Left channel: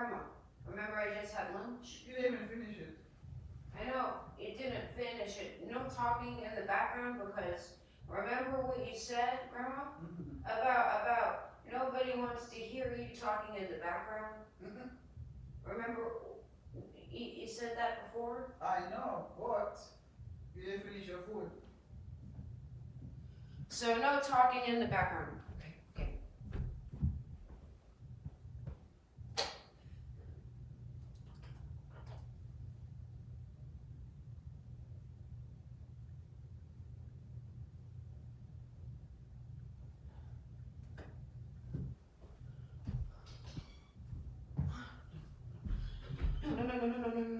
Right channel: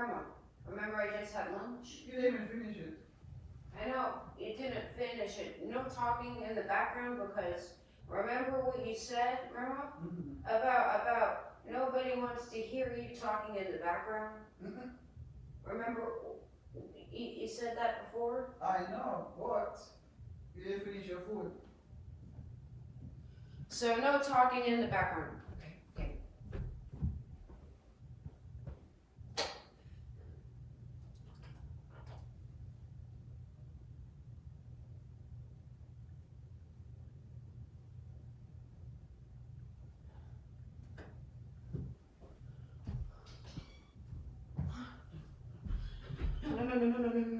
Grandma, remember I just had lunch? You didn't even finish it. I know, you didn't finish it. No talking in the background because remember what you said, Grandma? Mm-hmm. About nobody wants to hear you talking in the background? Mm-hmm. Remember, you said that before? I know, but you didn't finish your food. So no talking in the background. Okay. No.